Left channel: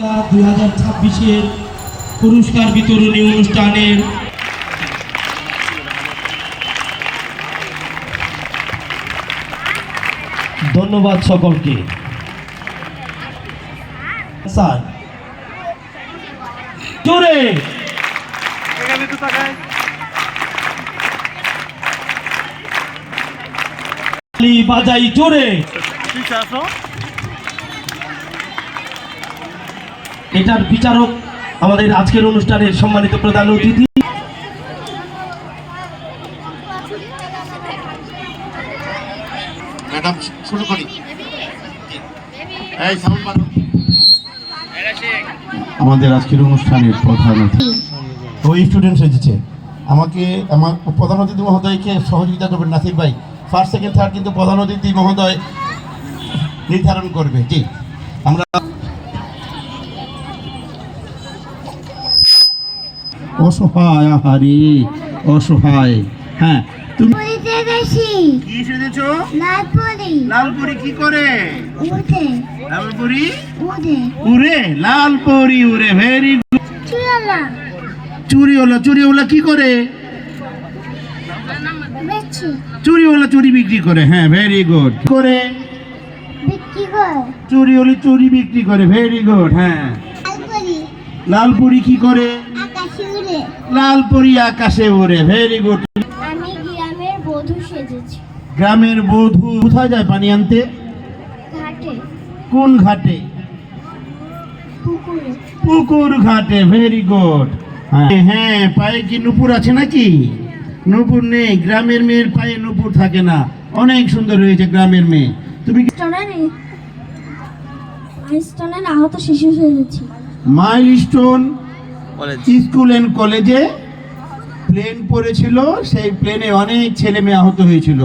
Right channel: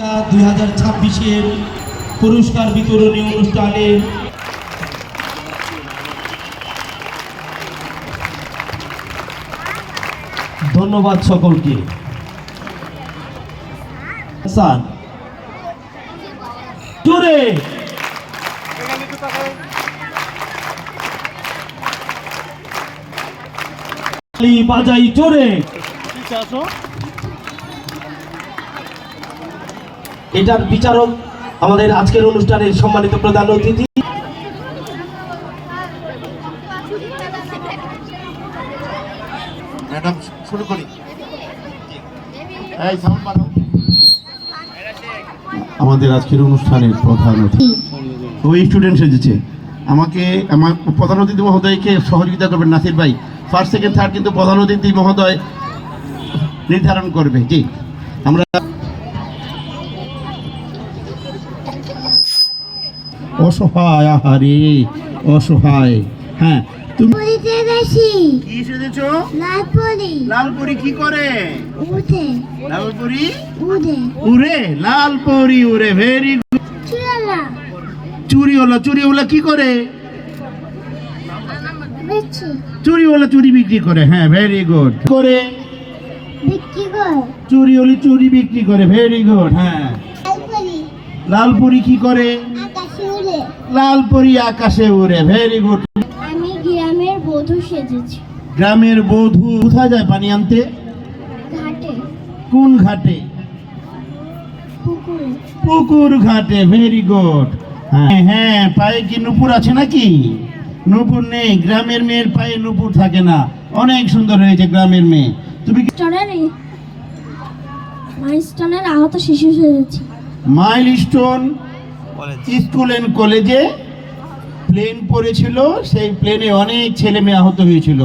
2026-এর পুরস্কার বিতরণী অনুষ্ঠানের ধন্যবাদ সকলকে। স্যার জোরে বাজাই জোরে। এটার বিচারক আমাদের আজকের অনুষ্ঠানের সম্মানিত প্রধান অতিথি ম্যাডাম, শুরু করি। এই সাউন্ড বাড়াও। আমাদের আজকের অনুষ্ঠানের প্রধান অতিথি ওই স্টুডেন্ট সেজেছে। আমাকে আমার প্রধান অতিথি মহোদয়কে সহযোগিতা করবেন নাসির ভাই। ফার্স্ট সেকেন্ড থার্ড কিন্তু প্রধান অতিথি মহোদয় নির্ধারণ করবে। জি, আমরা অসহায়, আহারে অসহায়। হ্যাঁ, তুমি কি সেজেছো? লালপরি কি করে? লালপরি উড়ে। লালপরি উড়ে, ভেরি গুড। চুরিওয়ালা কি করে? চুরিওয়ালা চুরি বিক্রি করে। হ্যাঁ, ভেরি গুড। করে চুরিওয়ালা চুরি বিক্রি করে। Very good. হ্যাঁ, লালপরি কি করে? লালপরি আকাশে উড়ে। Very good. আমি গ্রামের বধূ সেজেছি। গ্রামের বধূ কোথায় যায় পানি আনতে? ঘাটে। কোন ঘাটে? পুকুরে। পুকুর ঘাটে। Very good. হ্যাঁ, পায়ে কি নুপুর আছে নাকি? নুপুর নেই। গ্রামের মেয়ের পায়ে নুপুর থাকে না। অনেক সুন্দর হয়েছে গ্রামের মেয়ে। তুমি কি মাইলস্টোনের আহত শিশু সেজেছি। মাইলস্টোন স্কুল এন্ড কলেজে প্লেন পড়েছিল, সেই প্লেনে অনেক ছেলে মেয়ে আহত হয়েছিল।